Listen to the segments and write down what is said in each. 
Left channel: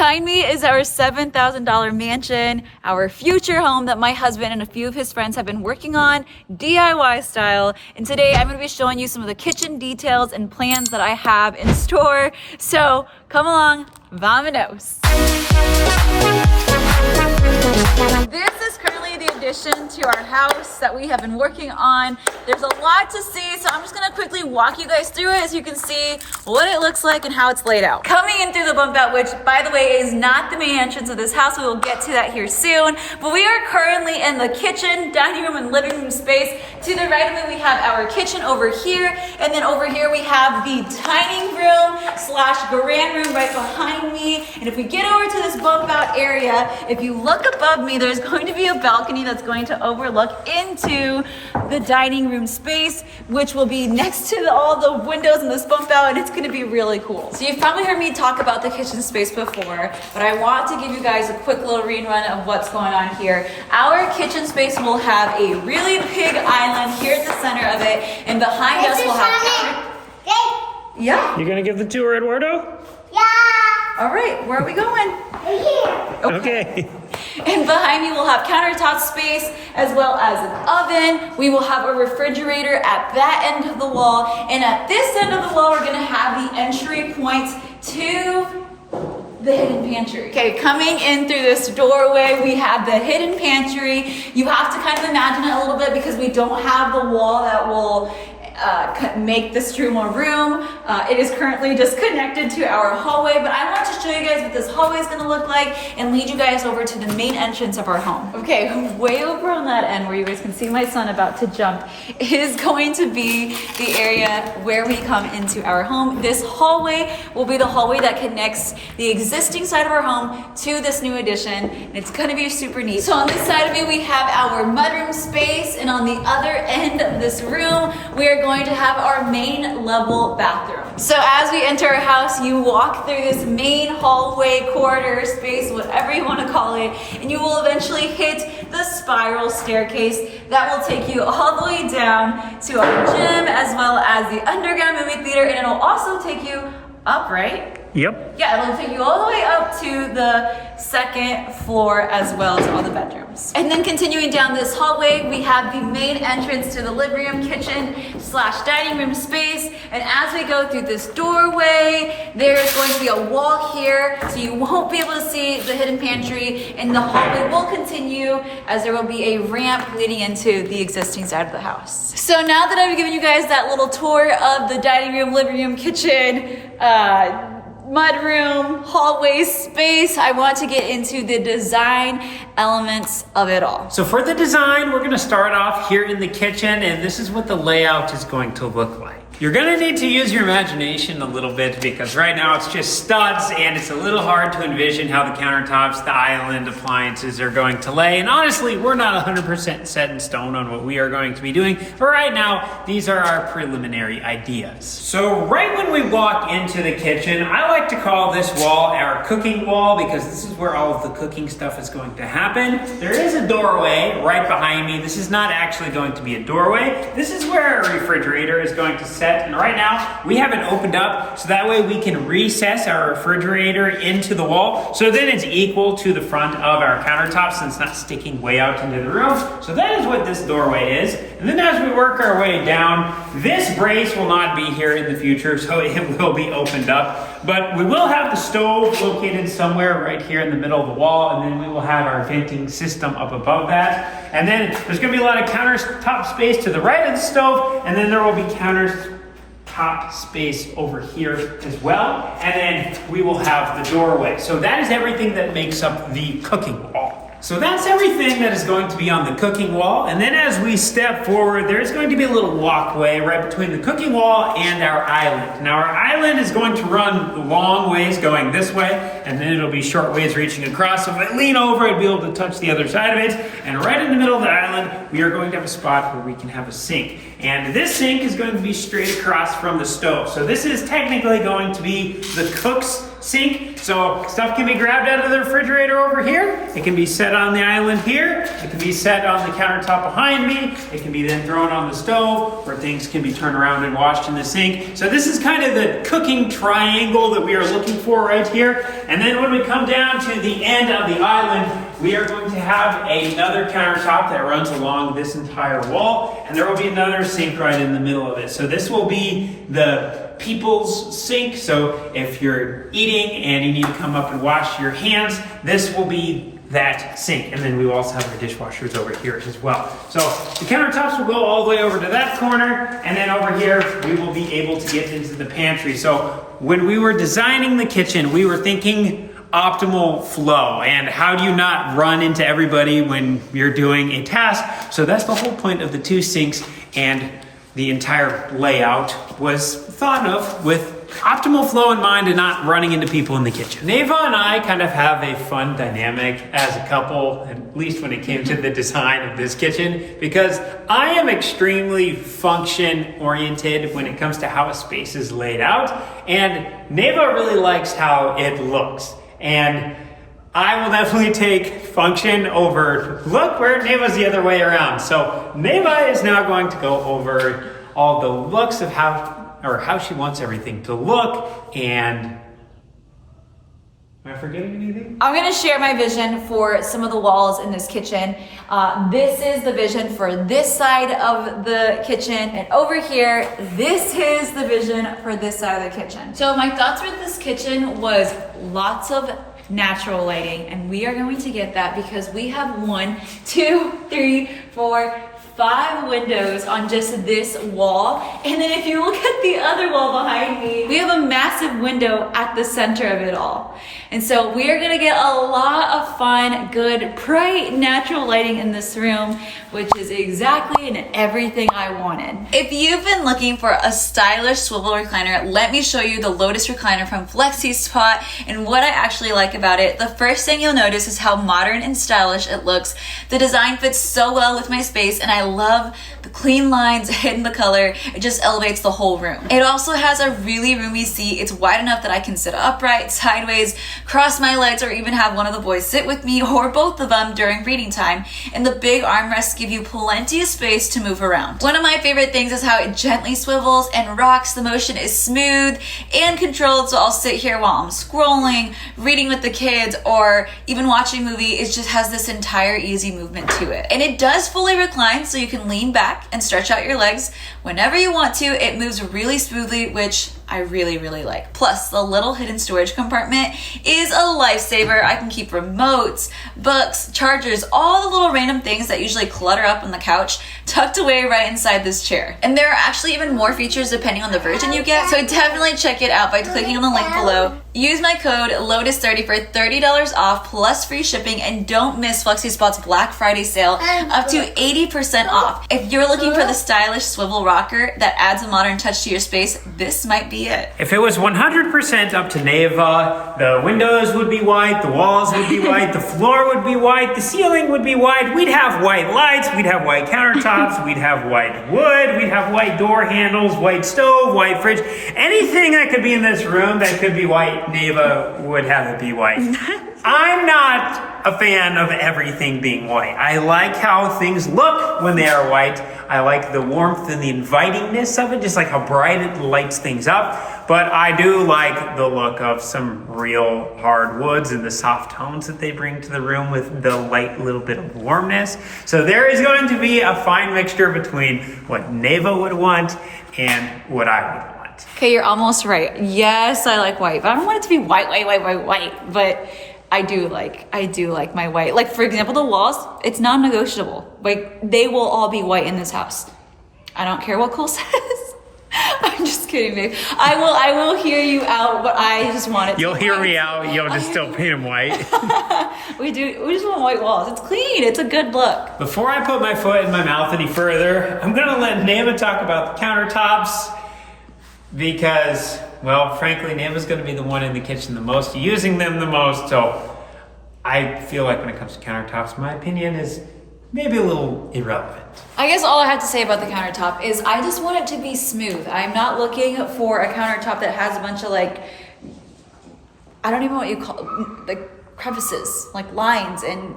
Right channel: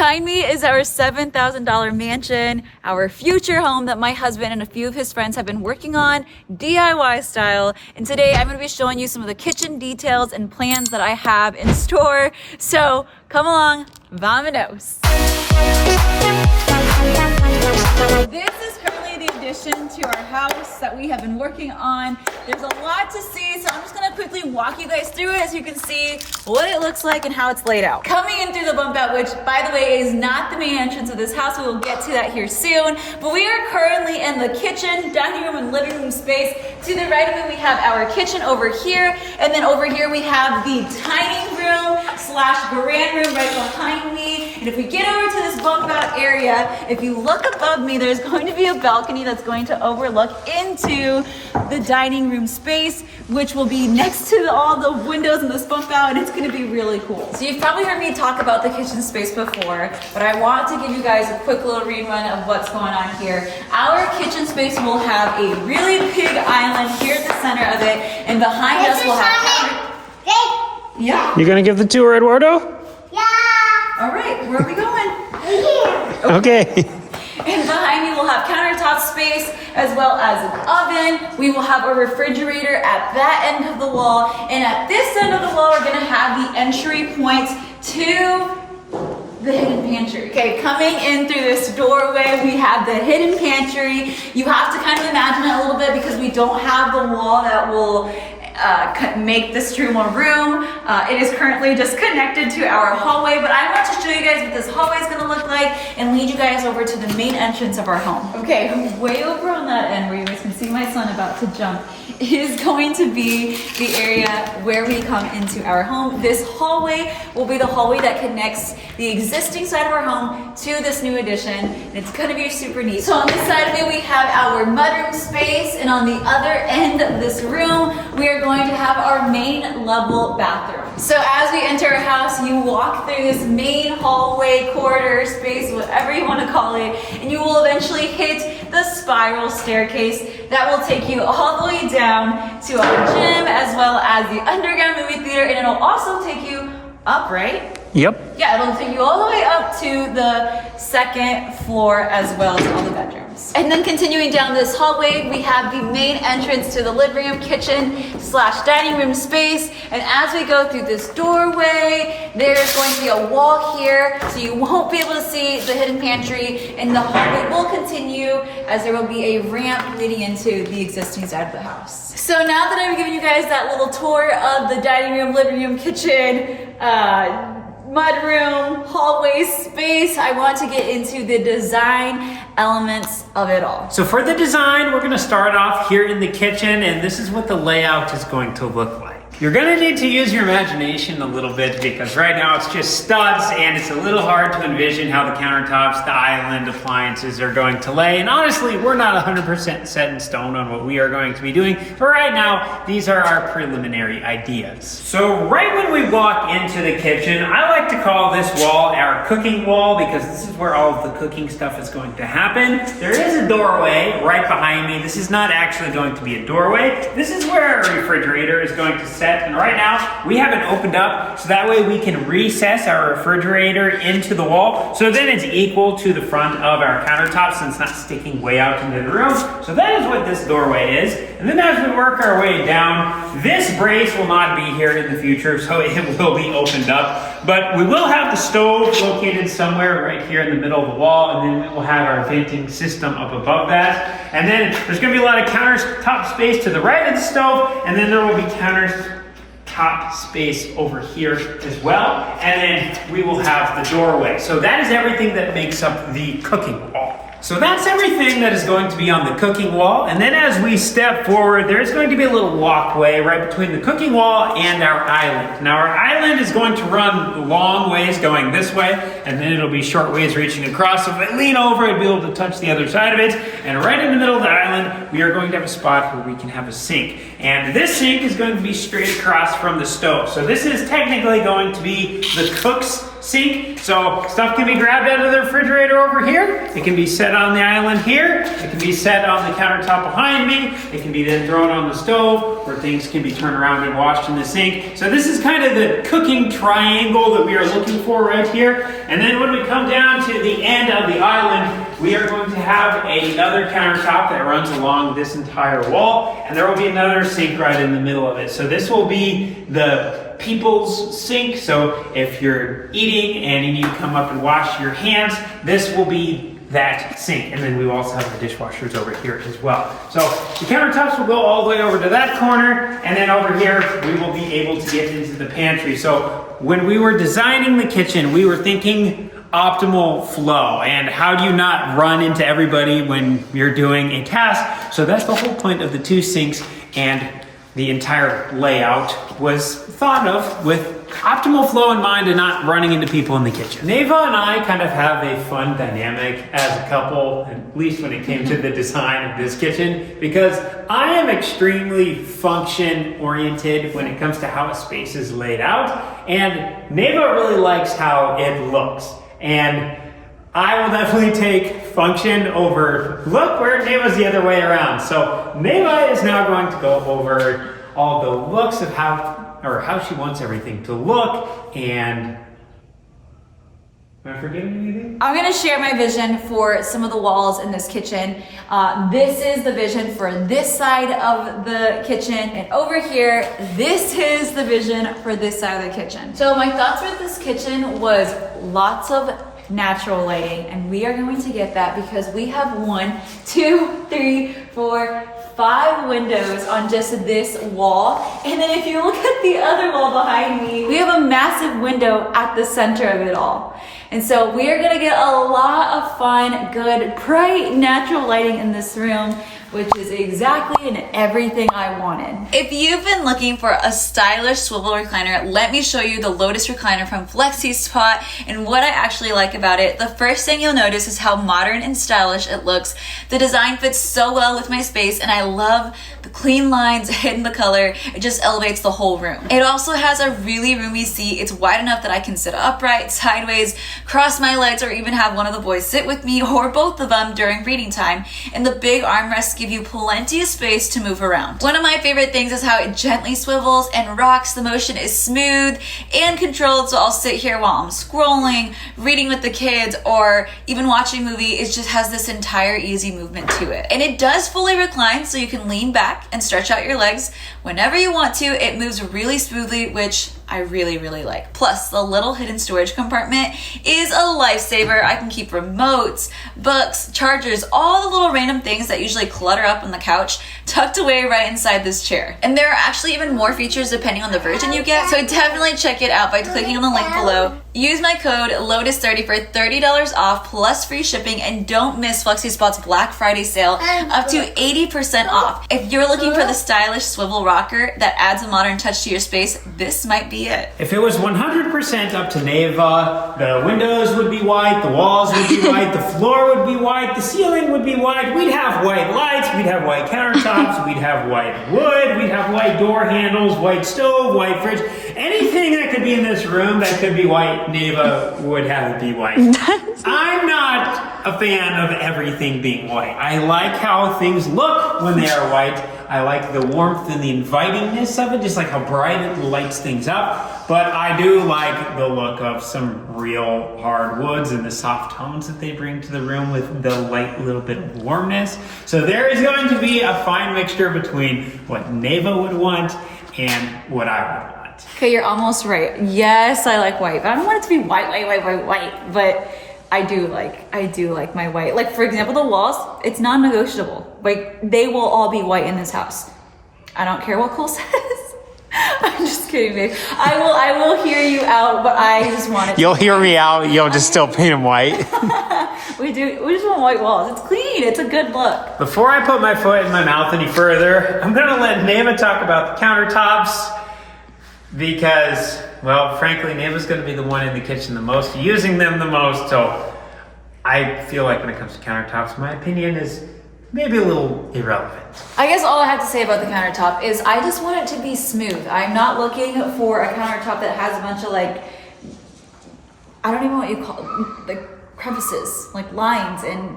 Behind me is our $7,000 mansion, our future home that my husband and a few of his friends have been working on, DIY style. And today I'm gonna be showing you some of the kitchen details and plans that I have in store. So come along, vamonos. This is currently the addition to our house that we have been working on. There's a lot to see, so I'm just gonna quickly walk you guys through it so you can see what it looks like and how it's laid out. Coming in through the bump out, which by the way is not the main entrance of this house, we will get to that here soon, but we are currently in the kitchen, dining room, and living room space. To the right of me, we have our kitchen over here, and then over here we have the dining room / grand room right behind me. And if we get over to this bump out area, if you look above me, there's going to be a balcony that's going to overlook into the dining room space, which will be next to all the windows in this bump out, and it's gonna be really cool. So you've probably heard me talk about the kitchen space before, but I want to give you guys a quick little rerun of what's going on here. Our kitchen space will have a really big island here at the center of it, and behind us we'll have... Yeah? You gonna give the tour, Eduardo? Yeah. All right, where are we going? Here. Okay. And behind me we'll have countertop space as well as an oven. We will have a refrigerator at that end of the wall. And at this end of the wall, we're gonna have the entry point to the hidden pantry. Okay, coming in through this doorway, we have the hidden pantry. You have to kind of imagine it a little bit because we don't have the wall that will make this room a room. It is currently just connected to our hallway, but I want to show you guys what this hallway is gonna look like and lead you guys over to the main entrance of our home. Okay, way over on that end where you guys can see my son about to jump is going to be the area where we come into our home. This hallway will be the hallway that connects the existing side of our home to this new addition, and it's gonna be super neat. So on this side of me, we have our mudroom space, and on the other end of this room, we are going to have our main level bathroom. So as we enter our house, you walk through this main hallway, corridor, space, whatever you want to call it, and you will eventually hit the spiral staircase that will take you all the way down to our gym as well as the underground movie theater, and it'll also take you up, right? Yep. Yeah, it'll take you all the way up to the second floor as well as all the bedrooms. And then continuing down this hallway, we have the main entrance to the living room, kitchen / dining room space. And as we go through this doorway, there's going to be a wall here, so you won't be able to see the hidden pantry, and the hallway will continue as there will be a ramp leading into the existing side of the house. So now that I've given you guys that little tour of the dining room, living room, kitchen, mudroom, hallway space, I want to get into the design elements of it all. So for the design, we're gonna start off here in the kitchen, and this is what the layout is going to look like. You're gonna need to use your imagination a little bit because right now it's just studs and it's a little hard to envision how the countertops, the island, appliances are going to lay. And honestly, we're not 100% set in stone on what we are going to be doing. But right now, these are our preliminary ideas. So right when we walk into the kitchen, I like to call this wall our cooking wall because this is where all of the cooking stuff is going to happen. There is a doorway right behind me. This is not actually going to be a doorway. This is where our refrigerator is going to set. And right now, we have it opened up so that way we can recess our refrigerator into the wall. So then it's equal to the front of our countertop since it's not sticking way out into the room. So that is what this doorway is. And then as we work our way down, this brace will not be here in the future, so it will be opened up. But we will have the stove located somewhere right here in the middle of the wall, and then we will have our venting system up above that. And then there's gonna be a lot of countertop space to the right of the stove, and then there will be countertop space over here as well. And then we will have the doorway. So that is everything that makes up the cooking wall. So that's everything that is going to be on the cooking wall. And then as we step forward, there's going to be a little walkway right between the cooking wall and our island. Now our island is going to run long ways going this way, and then it'll be short ways reaching across. So if I lean over, I'd be able to touch the other side of it. And right in the middle of the island, we are going to have a spot where we can have a sink. And this sink is going to be straight across from the stove. So this is technically going to be the cook's sink, so stuff can be grabbed out of the refrigerator over here. It can be set on the island here. It can be set on the countertop behind me. It can be then thrown on the stove, where things can be turned around and washed in the sink. So this is kind of the cooking triangle that we are looking for right here. And then when we come down to the end of the island, we are going to have another countertop that runs along this entire wall, and there will be another sink right in the middle of it. So this will be the people's sink. So if you're eating and you need to come up and wash your hands, this will be that sink. And then we will also have the dishwashers over here as well. So the countertops will go all the way over to that corner, and then over here we will be able to get into the pantry. So when we were designing the kitchen, we were thinking optimal flow and how do you not run into everybody when you're doing a task. So that's the whole point of the two sinks, and the entire layout was thought of with optimal flow in mind and not running into people in the kitchen. Neva and I kind of have a fun dynamic as a couple, at least when it came to the design of this kitchen, because I am extremely function oriented when it comes to how a space is laid out, and Neva really likes how it looks. And I will definitely take function over look, where Neva's the other way around. So Neva is now going to go over all the looks of how she wants everything to look. And am I forgetting anything? I'm gonna share my vision for some of the walls in this kitchen. This is the vision for this side of the kitchen, and over here, this is the vision for this side of the kitchen. So my thoughts with this kitchen was lots of natural lighting, and we are going to get that because we have 1, 2, 3, 4, 5 windows on just this wall. And then if you look at the other wall behind me, we have a massive window at the center of it all. And so we are gonna get a lot of fun, good, bright, natural lighting in this room, which is exactly and everything I wanted. If you've been looking for a stylish swivel recliner, let me show you the Lotus recliner from Flexispot and what I actually like about it. The first thing you'll notice is how modern and stylish it looks. The design fits so well with my space, and I love the clean lines hidden the color. It just elevates the whole room. It also has a really roomy seat. It's wide enough that I can sit upright, sideways, cross my legs, or even have one of the boys sit with me or both of them during reading time. And the big armrests give you plenty of space to move around. One of my favorite things is how it gently swivels and rocks. The motion is smooth and controlled, so I'll sit here while I'm scrolling, reading with the kids, or even watching a movie. It just has this entire easy movement to it. And it does fully recline, so you can lean back and stretch out your legs whenever you want to. It moves really smoothly, which I really, really like. Plus, the little hidden storage compartment is a lifesaver. I can keep remotes, books, chargers, all the little random things that usually clutter up on the couch tucked away right inside this chair. And there are actually even more features depending on the version you get, so definitely check it out by clicking on the link below. Use my code LOTUS30 for $30 off plus free shipping, and don't miss Flexispot's Black Friday sale up to 80% off. If you're looking for the stylish swivel rocker that adds a modern touch to your space, this might be it. If it was 100% up to Neva, the windows would be white, the walls would be white, the floor would be white, the ceiling would be white, we'd have white lights, we'd have white countertops, we'd have white wood, we'd have white door handles, white stove, white fridge. Anything that could be in this room that could be white, Neva would have it be white. I'm not a fan of everything being white. I like how things look when they are white. I like the warmth and the invitingness of it, just like how bright it lights things up. But I do like the look of some real hard woods and the soft tones that they bring to the room with the light little bit of warmness. So there is going to be a fine mixture between what Neva would want and what I would want. Okay, you're almost right. Yes, I like white, but I don't want it to be white. But I do like my white. Like, for example, the walls, it's non-negotiable. Like, they will all be white in this house. I don't care what Cole says. I'm just kidding, babe. I will hear you out, but I just want it. You'll hear me out. You'll just still paint them white. We just want white walls. It's clean. It's a good look. Before I put my foot in my mouth any further, I'm gonna let Neva talk about the countertops because, well, frankly, Neva's gonna be the one in the kitchen the most, using them the most. So I feel like when it comes to countertops, my opinion is maybe a little irrelevant. I guess all I have to say about the countertop is I just want it to be smooth. I'm not looking for a countertop that has a bunch of like I don't even know what you call like crevices, like lines and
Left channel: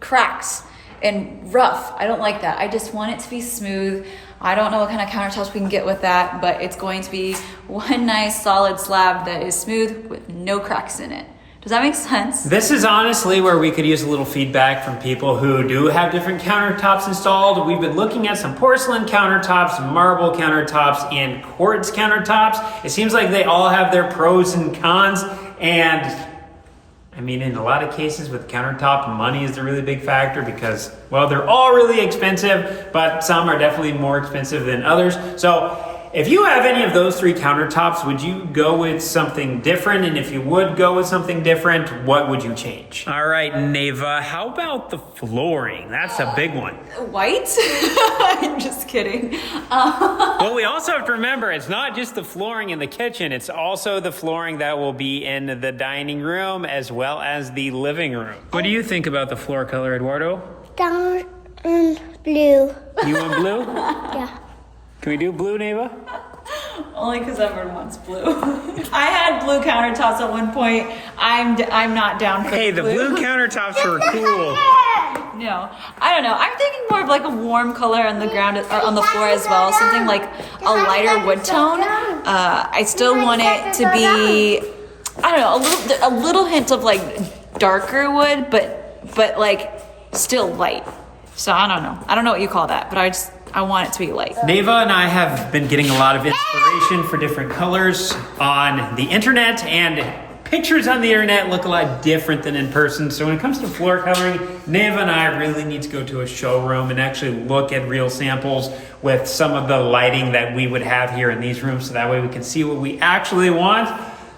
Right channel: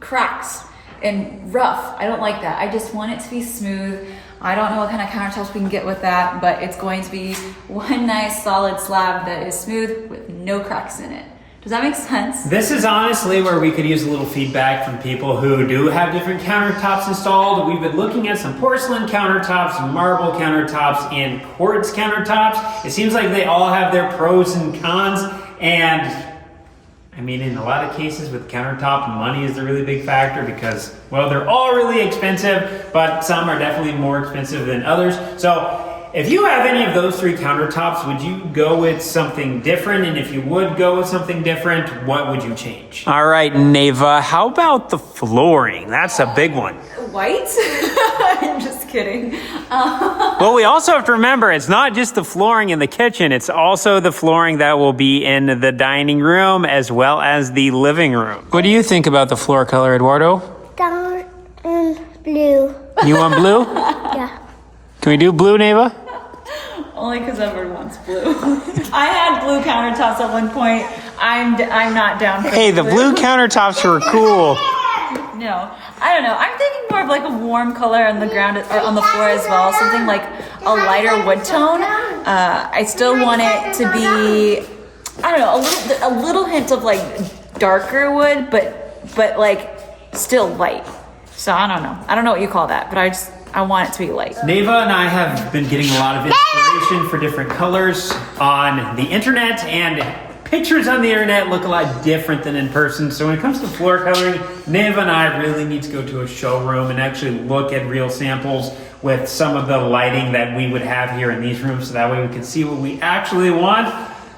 cracks and rough. I don't like that. I just want it to be smooth. I don't know what kind of countertops we can get with that, but it's going to be one nice solid slab that is smooth with no cracks in it. Does that make sense? This is honestly where we could use a little feedback from people who do have different countertops installed. We've been looking at some porcelain countertops, marble countertops, and quartz countertops. It seems like they all have their pros and cons, and I mean, in a lot of cases with countertop, money is the really big factor because, well, they're all really expensive, but some are definitely more expensive than others. So if you have any of those 3 countertops, would you go with something different? And if you would go with something different, what would you change? All right, Nava, how about the flooring? That's a big one. White? I'm just kidding. Well, we also have to remember, it's not just the flooring in the kitchen, it's also the flooring that will be in the dining room as well as the living room. What do you think about the floor color, Eduardo? Down and blue. You want blue? Yeah. Can we do blue, Nava? Only because everyone wants blue. I had blue countertops at one point. I'm not down for Hey, the blue countertops were cool. No, I don't know. I'm thinking more of like a warm color on the ground or on the floor as well. Something like a lighter wood tone. I still want it to be, I don't know, a little hint of like darker wood, but like still light. So I don't know. I don't know what you call that, but I want it to be light. Nava and I have been getting a lot of inspiration for different colors on the internet, and pictures on the internet look a lot different than in person. So when it comes to floor coloring, Nava and I really need to go to a showroom and actually look at real samples with some of the lighting that we would have here in these rooms, so that way we can see what we actually want.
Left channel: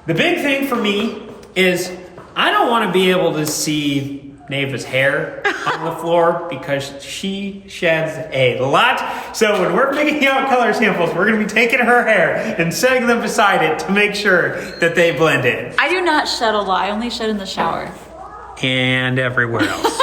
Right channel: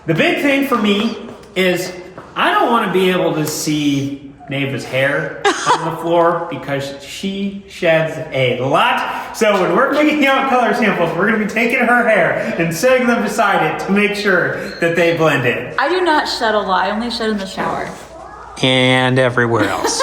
The big thing for me is I don't want to be able to see Nava's hair on the floor because she sheds a lot. So when we're picking out color samples, we're going to be taking her hair and setting them beside it to make sure that they blend in. I do not shed a lot. I only shed in the shower. And everywhere else.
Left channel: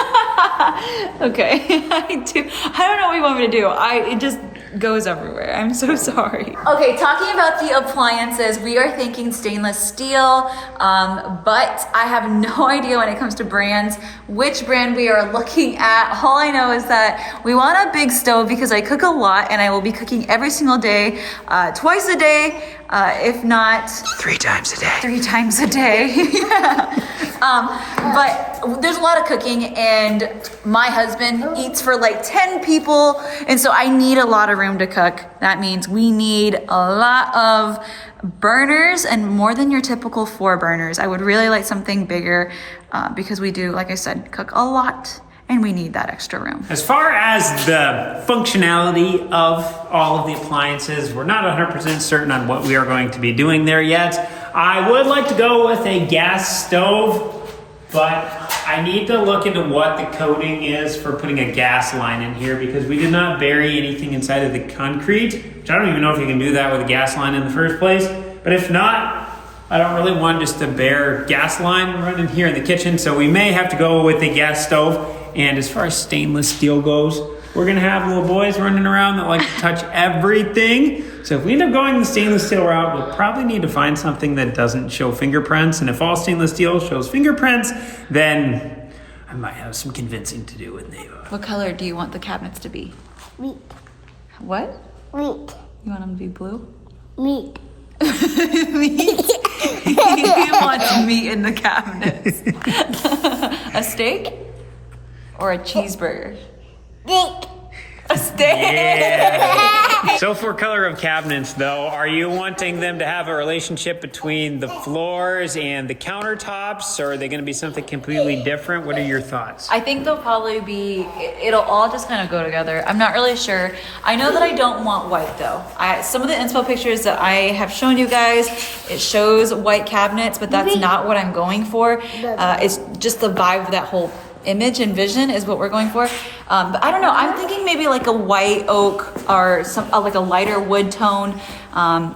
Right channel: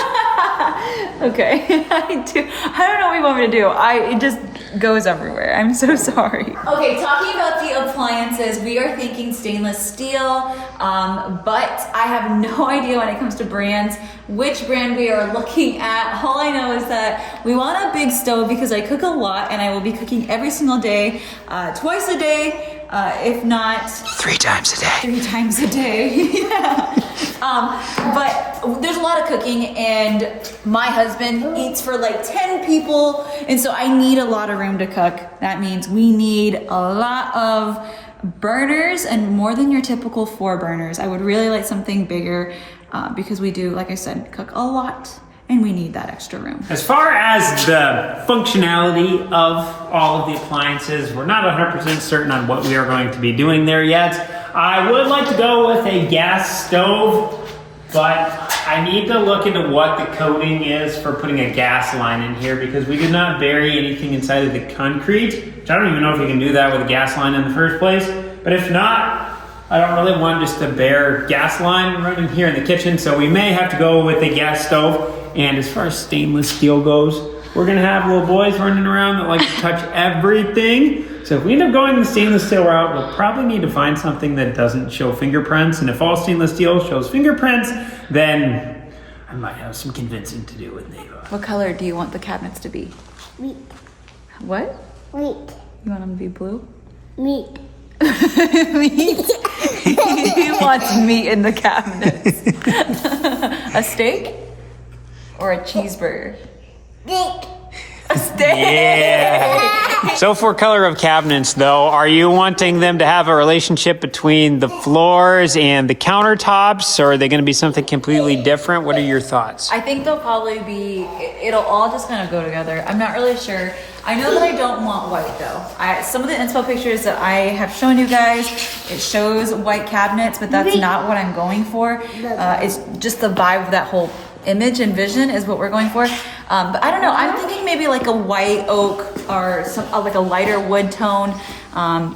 Okay, I don't know what you want me to do. It just goes everywhere. I'm so sorry. Okay, talking about the appliances, we are thinking stainless steel, but I have no idea when it comes to brands, which brand we are looking at. All I know is that we want a big stove because I cook a lot and I will be cooking every single day, twice a day, if not 3 times a day. 3 times a day. Yeah. But there's a lot of cooking, and my husband eats for like 10 people, and so I need a lot of room to cook. That means we need a lot of burners, and more than your typical 4 burners. I would really like something bigger because we do, like I said, cook a lot, and we need that extra room. As far as the functionality of all of the appliances, we're not 100% certain on what we are going to be doing there yet. I would like to go with a gas stove, but I need to look into what the coating is for putting a gas line in here, because we did not bury anything inside of the concrete, which I don't even know if you can do that with a gas line in the first place. But if not, I don't really want just a bare gas line running here in the kitchen, so we may have to go with a gas stove. And as far as stainless steel goes, we're gonna have little boys running around that like to touch everything. So if we end up going the stainless steel route, we'll probably need to find something that doesn't show fingerprints. And if all stainless steel shows fingerprints, then I might have some convincing to do with Nava. What color do you want the cabinets to be? Meat. What? Meat. You want them to be blue? Meat. Meat. He wants meat in the cabinets. A steak or a cheeseburger? Steak. A steak. Yeah. So for color of cabinets though, are you wanting them to have a relationship between the floors and the countertops, or are they going to be something completely different? What are your thoughts? I think they'll probably be, it'll all just kind of go together. I'm not really sure. I know that I don't want white though. Some of the inspo pictures that I have shown you guys, it shows white cabinets, but that's not what I'm going for. It's just the vibe of that whole image and vision is what we're going for. But I don't know, I'm thinking maybe like a white oak or some like a lighter wood tone.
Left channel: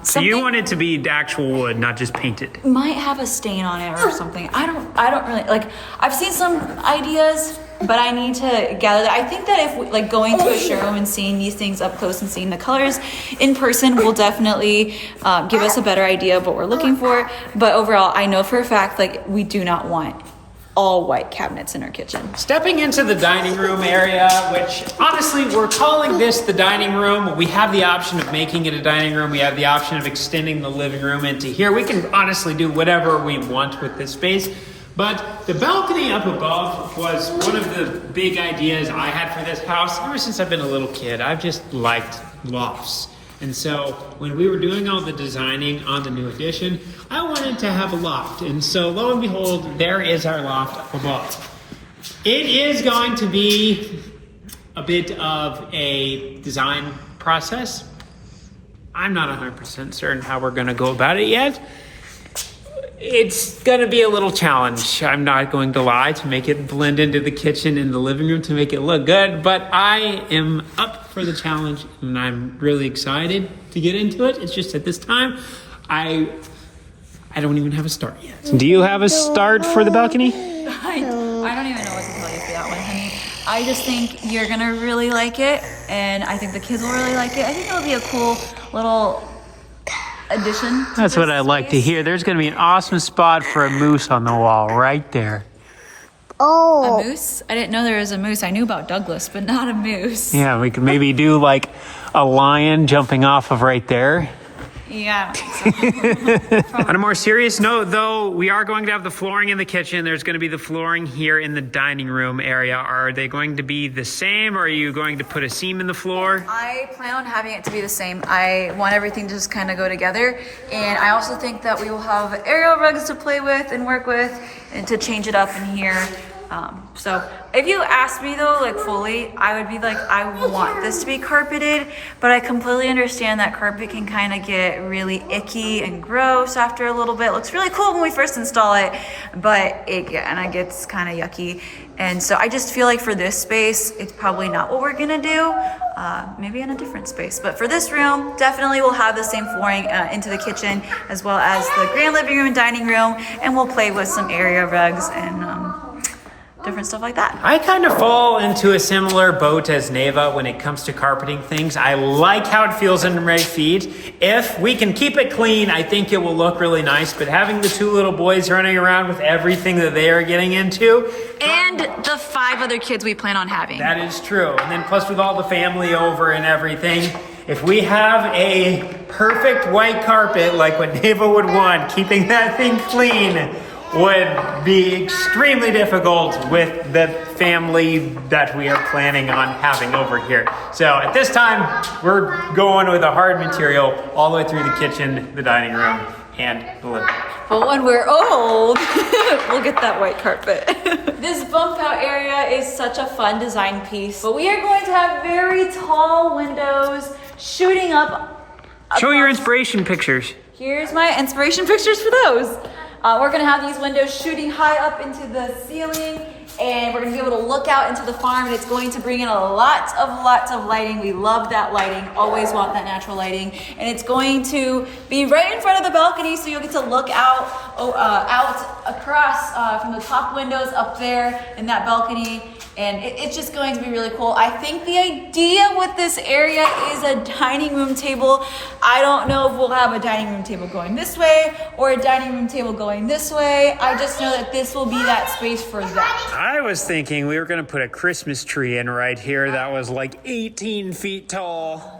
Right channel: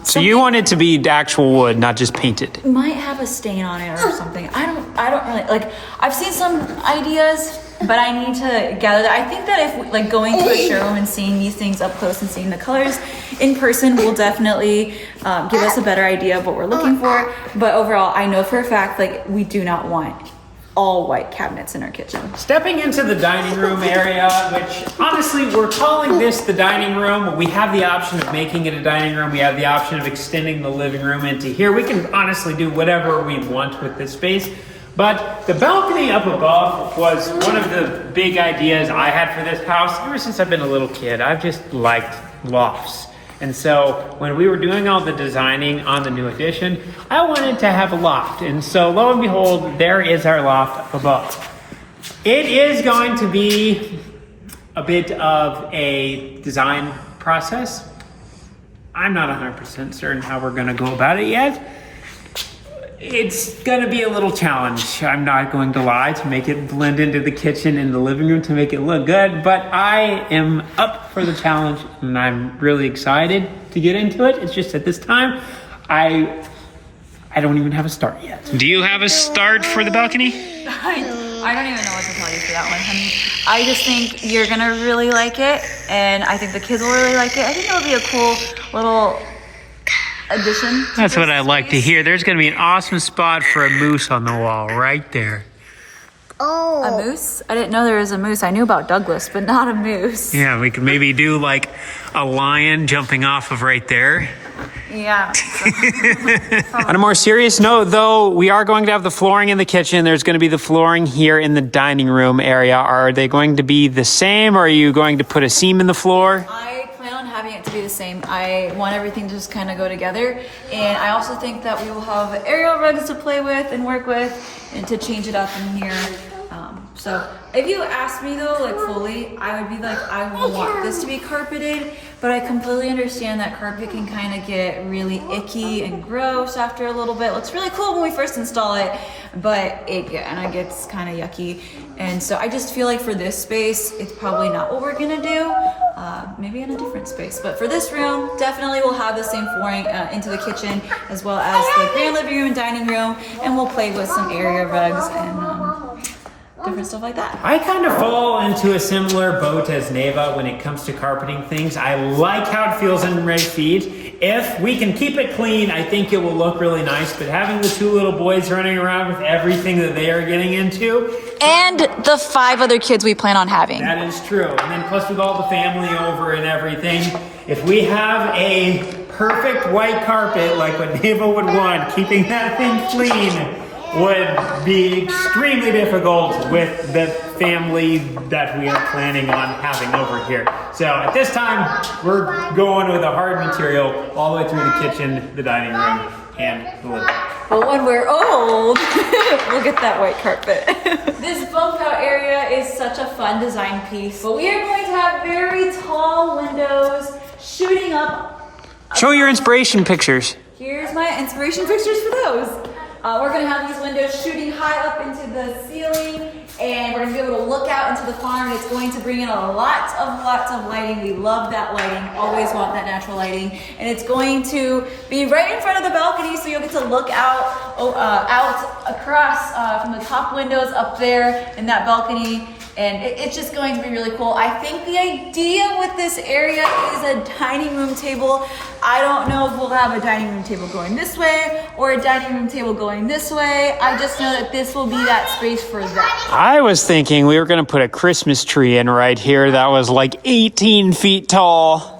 So you want it to be actual wood, not just painted. Might have a stain on it or something. I don't really like. I've seen some ideas, but I need to gather that. I think that if we, like going to a showroom and seeing these things up close and seeing the colors in person will definitely give us a better idea of what we're looking for. But overall, I know for a fact like we do not want all white cabinets in our kitchen. Stepping into the dining room area, which honestly, we're calling this the dining room. We have the option of making it a dining room. We have the option of extending the living room into here. We can honestly do whatever we want with this space. But the balcony up above was one of the big ideas I had for this house. Ever since I've been a little kid, I've just liked lofts. And so when we were doing all the designing on the new addition, I wanted to have a loft. And so lo and behold, there is our loft up above. It is going to be a bit of a design process. I'm not 100% certain how we're going to go about it yet. It's going to be a little challenge. I'm not going to lie, to make it blend into the kitchen and the living room to make it look good, but I am up for the challenge and I'm really excited to get into it. It's just at this time, I don't even have a start yet. Do you have a start for the balcony? I don't even know what to tell you for that one, honey. I just think you're going to really like it, and I think the kids will really like it. I think it'll be a cool little addition. That's what I like to hear. There's going to be an awesome spot for a moose on the wall right there. Oh. A moose? I didn't know there was a moose. I knew about Douglas, but not a moose. Yeah, we could maybe do like a lion jumping off of right there. Yeah. On a more serious note, though, we are going to have the flooring in the kitchen. There's going to be the flooring here in the dining room area. Are they going to be the same, or are you going to put a seam in the floor? I plan on having it to be the same. I want everything to just kind of go together. And I also think that we will have aerial rugs to play with and work with and to change it up in here. So if you ask me though, like fully, I would be like, I want this to be carpeted, but I completely understand that carpet can kind of get really icky and gross after a little bit. It looks really cool when we first install it, but it gets kind of yucky. And so I just feel like for this space, it's probably not what we're gonna do. Maybe in a different space, but for this room, definitely we'll have the same flooring into the kitchen as well as the grand living room and dining room, and we'll play with some area rugs and different stuff like that. I kind of fall into a similar boat as Nave when it comes to carpeting things. I like how it feels under my feet. If we can keep it clean, I think it will look really nice, but having the two little boys running around with everything that they are getting into, and the 5 other kids we plan on having. that is true. And then plus with all the family over and everything, if we have a perfect white carpet like what Nave would want, keeping that thing clean would be extremely difficult with the family that we are planning on having over here. So at this time, we're going with a hard material all the way through the kitchen, the dining room, and the living room. But when we're old, we'll get that white carpet. This bump out area is such a fun design piece, but we are going to have very tall windows shooting up. Show your inspiration pictures. Here's my inspiration pictures for those. We're gonna have these windows shooting high up into the ceiling, and we're gonna be able to look out into the farm, and it's going to bring in lots of lighting. We love that lighting, always want that natural lighting, and it's going to be right in front of the balcony, so you'll get to look out across from the top windows up there in that balcony. And it's just going to be really cool. I think the idea with this area is a dining room table. I don't know if we'll have a dining room table going this way or a dining room table going this way. I just know that this will be that space for that. I was thinking we were going to put a Christmas tree in right here that was like 18 feet tall.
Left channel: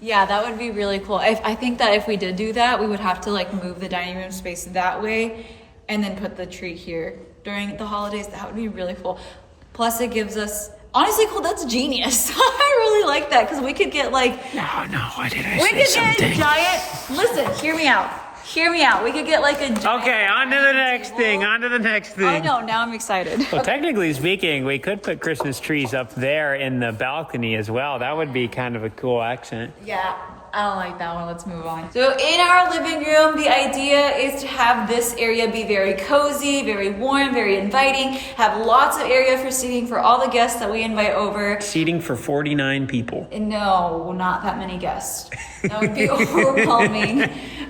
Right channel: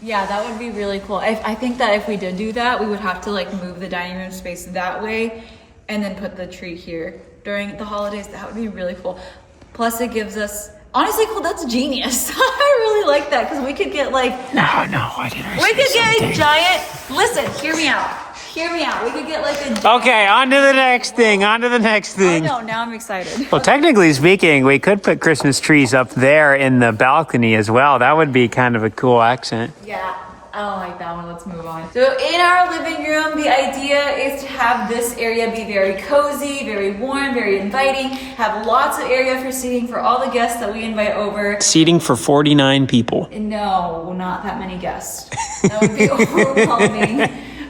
Yeah, that would be really cool. I think that if we did do that, we would have to like move the dining room space that way and then put the tree here during the holidays. That would be really cool. Plus, it gives us, honestly, cool, that's genius. I really like that, because we could get like... No, why did I we could get a giant... Listen, hear me out. We could get like a giant... Okay, on to the next thing, Oh no, now I'm excited. Well, technically speaking, we could put Christmas trees up there in the balcony as well. That would be kind of a cool accent. Yeah, I don't like that one. Let's move on. So in our living room, the idea is to have this area be very cozy, very warm, very inviting, have lots of area for seating for all the guests that we invite over. Seating for 49 people. No, not that many guests. That would be overwhelming.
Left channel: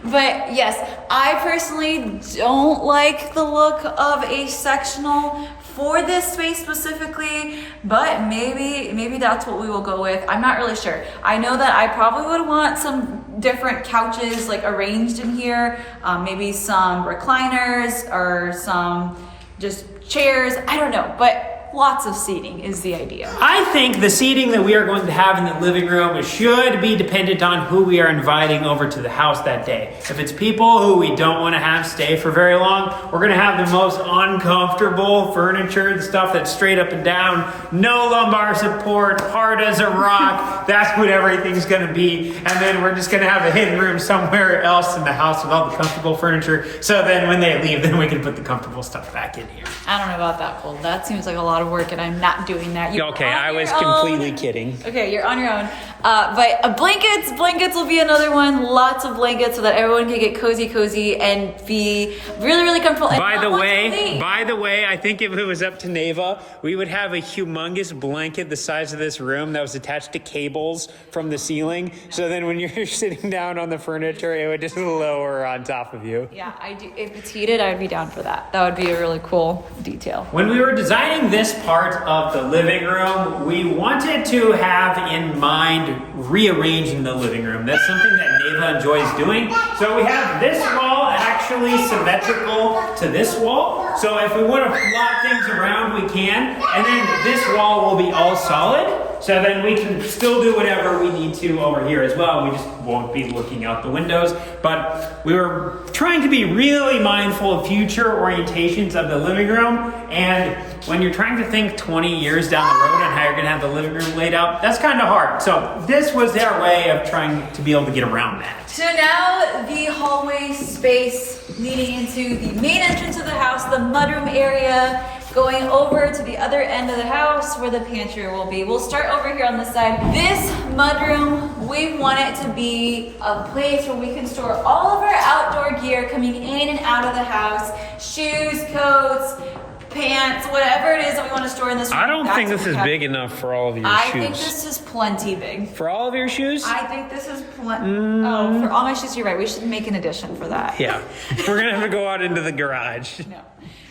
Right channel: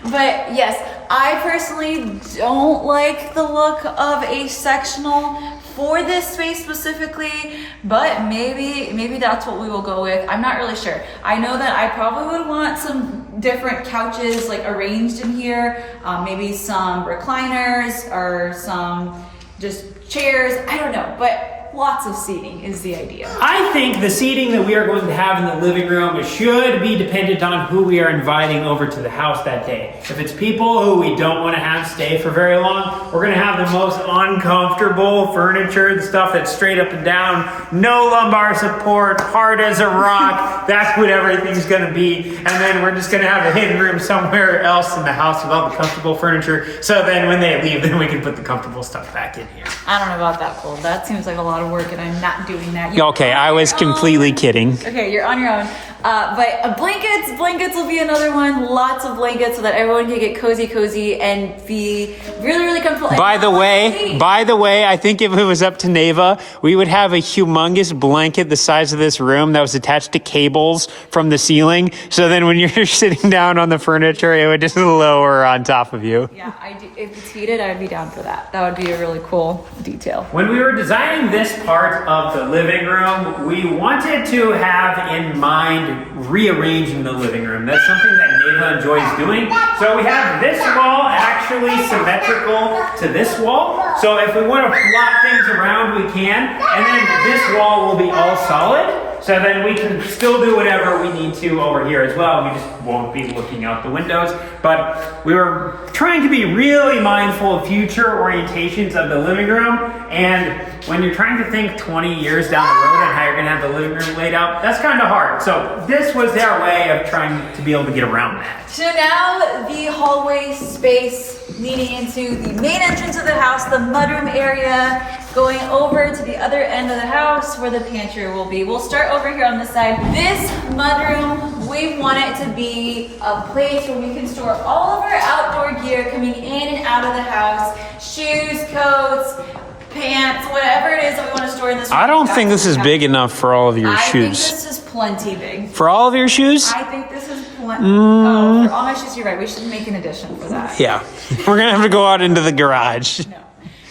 But yes, I personally don't like the look of a sectional for this space specifically, but maybe that's what we will go with. I'm not really sure. I know that I probably would want some different couches like arranged in here, maybe some recliners or some just chairs. I don't know, but lots of seating is the idea. I think the seating that we are going to have in the living room should be dependent on who we are inviting over to the house that day. If it's people who we don't want to have stay for very long, we're going to have the most uncomfortable furniture, the stuff that's straight up and down, no lumbar support, hard as a rock. That's what everything's going to be. And then we're just going to have a hidden room somewhere else in the house with all the comfortable furniture. So then when they leave, then we can put the comfortable stuff back in here. I don't know about that, Cole. That seems like a lot of work, and I'm not doing that. Okay, I was completely kidding. Okay, you're on your own. But blankets will be another one. Lots of blankets so that everyone can get cozy and be really, really comfortable. By the way, I think if it was up to Nave, we would have a humongous blanket the size of this room that was attached to cables from the ceiling. So then when you're sitting down on the furniture, it would just lower on top of you. Yeah, I do. If it's heated, I'd be down for that. That would be a really cool detail. When we were designing this part of the living room, we wanted to have in mind rearranging the living room. That's something that Nave enjoys doing. So we have this wall actually symmetrical to this wall. So if we want to flop things around, we can. And then this wall will be all solid. So then we can still do whatever we need to over here as well. We just won't be looking out the windows. But we were trying to be really mindful of future orientations of the living room. And when you're trying to think 20 years down the road on how you're going to have the living room laid out, that's kind of hard. So this was their way of trying to be able to get around that. So now the hallway space leading into the main entrance of the house, the mudroom area, going over to the other end of the house where the pantry will be. We'll start over here on this side. This mudroom, we want it to be a place where we can store all of our outdoor gear coming in and out of the house, shoes, coats, pants, whatever it is that we want to store in this room. I don't think this is big enough for all of your shoes. I think this is plenty big. For all of your shoes? I think this is plenty. Oh, for all my shoes, you're right. We should make an addition for that. Yeah. We're going to have to go out into the garage.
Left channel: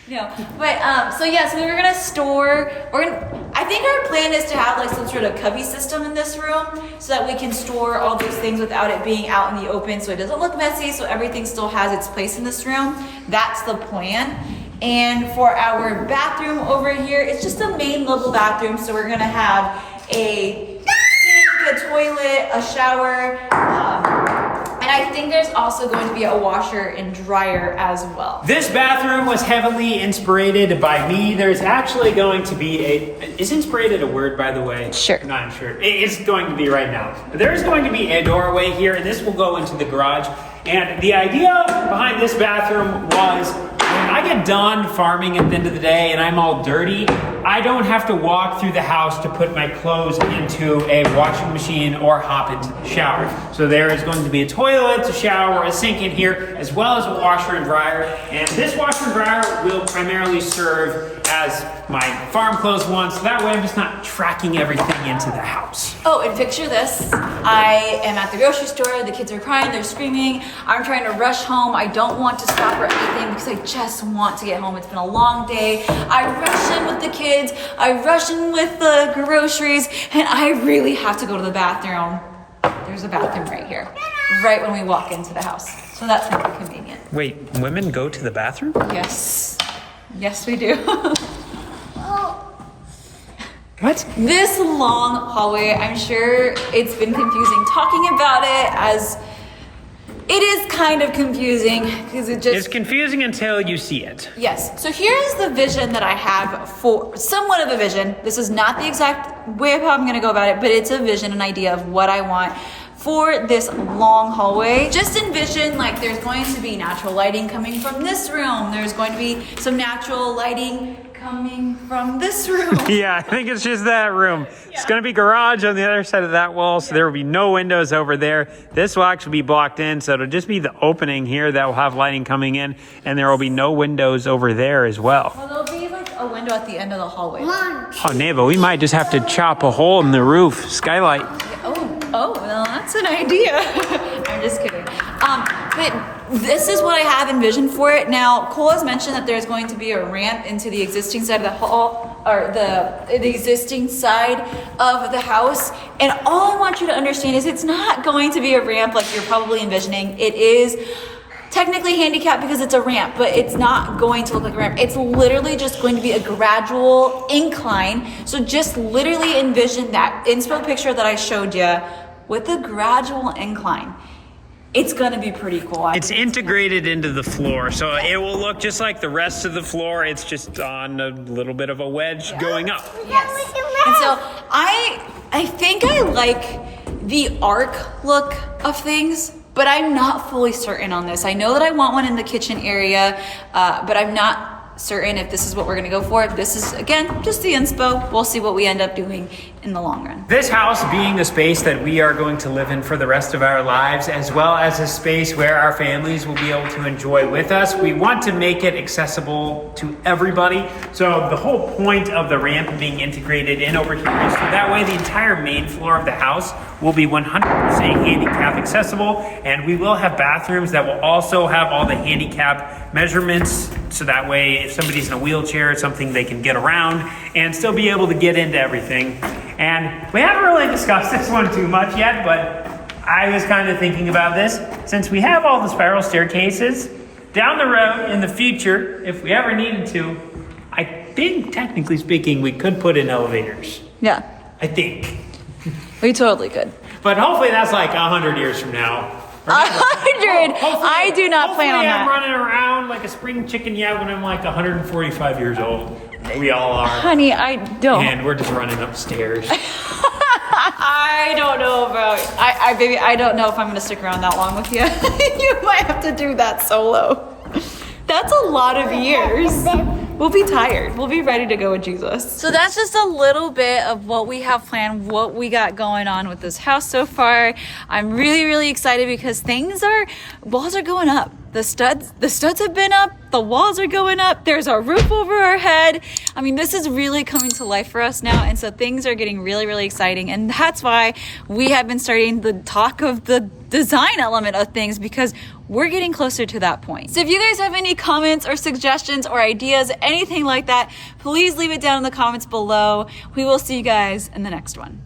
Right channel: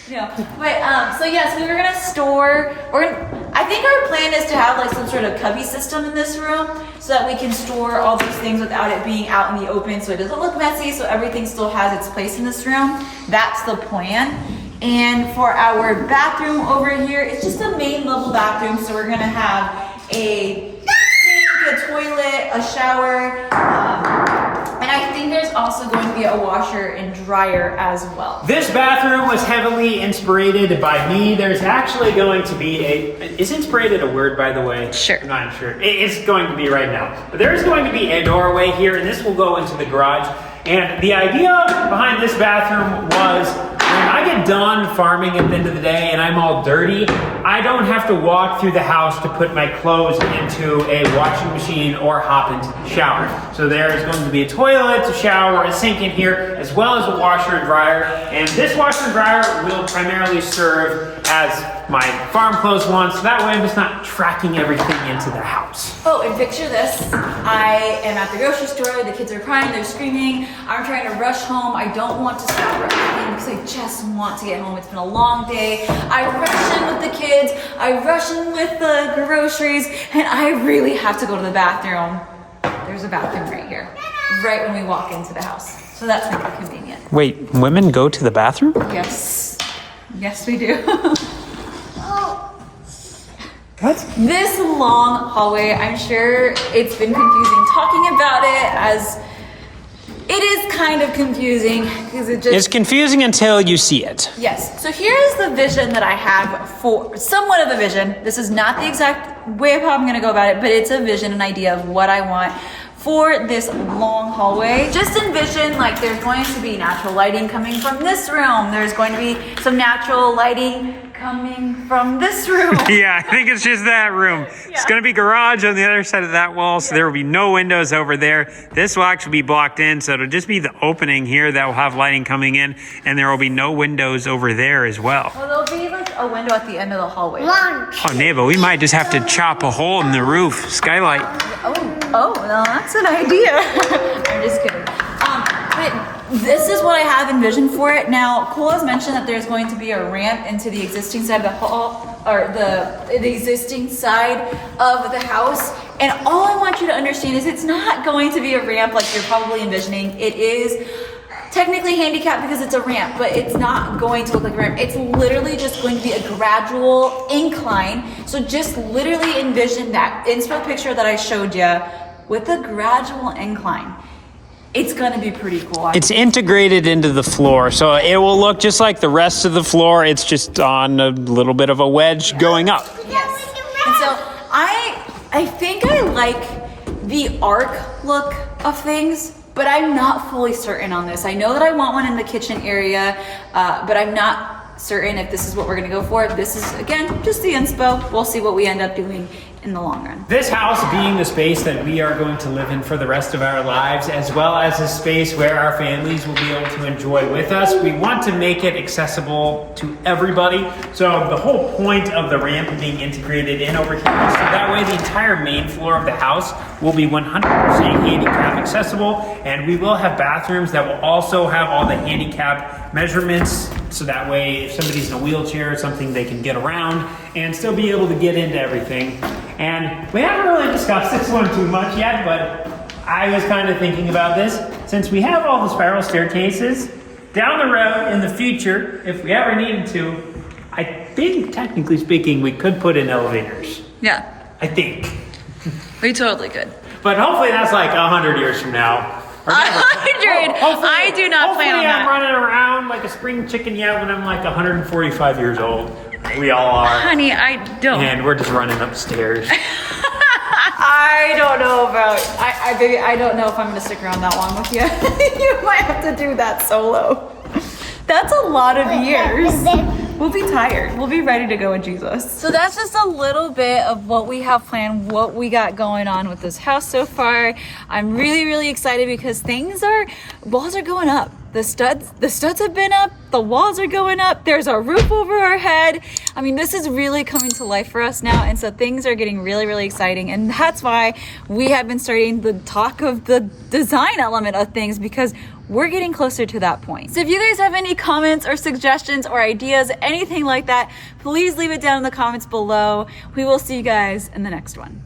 No, but so yes, we were gonna store. I think our plan is to have like some sort of cubby system in this room, so that we can store all those things without it being out in the open, so it doesn't look messy. So everything still has its place in this room. That's the plan. And for our bathroom over here, it's just a main level bathroom. So we're gonna have a sink, a toilet, a shower. And I think there's also going to be a washer and dryer as well. This bathroom was heavily inspired by me. There's actually going to be is inspired a word, by the way? Sure. I'm not sure. It's going to be right now. There's going to be a doorway here, and this will go into the garage. And the idea behind this bathroom was, when I get done farming at the end of the day and I'm all dirty, I don't have to walk through the house to put my clothes into a washing machine or hop into the shower. So there is going to be a toilet, a shower, a sink in here, as well as a washer and dryer. And this washer and dryer will primarily serve as my farm clothes one, so that way I'm just not tracking everything into the house. Oh, and picture this. I am at the grocery store, the kids are crying, they're screaming, I'm trying to rush home, I don't want to stop or anything because I just want to get home. It's been a long day. I rush in with the kids, I rush in with the groceries, and I really have to go to the bathroom. There's a bathroom right here, right when we walk into the house. So that's not convenient. Wait, women go to the bathroom? Yes. Yes, we do. What? This long hallway, I'm sure it's been confusing talking about it, as it is kind of confusing because It's confusing until you see it. Yes. So here's the vision that I have for somewhat of a vision. This is not the exact way of how I'm going to go about it, but it's a vision, an idea of what I want for this long hallway. Just envision like there's going to be natural lighting coming from this room. There's going to be some natural lighting coming from this room. Yeah, I think it's just that room. It's going to be garage on the other side of that wall, so there will be no windows over there. This will actually be blocked in, so it'll just be the opening here that will have lighting coming in, and there will be no windows over there as well. Well, there'll be like a window at the end of the hallway. Oh, Nava, we might just have to chop a hole in the roof. Skylight. Oh, well, that's an idea. I'm just kidding. But this is what I have envisioned for it. Now, Cole has mentioned that there's going to be a ramp into the existing side of the hall, or the existing side of the house. And all I want you to understand is it's not going to be a ramp like you're probably envisioning. It is technically handicapped because it's a ramp, but it's not going to look like a ramp. It's literally just going to be a gradual incline. So just literally envision that inspo picture that I showed you with a gradual incline. It's gonna be pretty cool. It's integrated into the floor, so it will look just like the rest of the floor. It's just on a little bit of a wedge going up. Yes. And so I think I like the arc look of things, but I'm not fully certain on this. I know that I want one in the kitchen area, but I'm not certain if this is what we're gonna go for. This is, again, just the inspo. We'll see what we end up doing in the long run. This house being a space that we are going to live in for the rest of our lives, as well as a space where our families will be able to enjoy with us, we want to make it accessible to everybody. So the whole point of the ramp being integrated in over here is so that way the entire main floor of the house will be 100% handicap accessible, and we will have bathrooms that will also have all the handicap measurements, so that way if somebody's in a wheelchair or something, they can get around and still be able to get into everything. And we haven't really discussed this one too much yet, but I was kind of thinking about this. Since we have all the spiral staircases, down the road in the future, if we ever needed to, I think, technically speaking, we could put in elevators. Yeah, I think. we totally could. But hopefully that's like 100 years from now. 100? I do not plan on that. I'm running around like a spring chicken yet when I'm like 145 years old. We all are. Honey, I don't. And we're just running upstairs. I don't know about, baby, I don't know if I'm gonna stick around that long with you. You might have to do that solo. That's a lot of years. We'll be tired. We'll be ready to go with Jesus. So that's just a little bit of what we have planned, what we got going on with this house so far. I'm really, really excited because walls are going up. The studs have been up, the walls are going up, there's a roof over our head. I mean, this is really coming to life for us now, and so things are getting really, really exciting, and that's why we have been starting the talk of the design element of things, because we're getting closer to that point. So if you guys have any comments or suggestions or ideas, anything like that, please leave it down in the comments below. We will see you guys in the next one.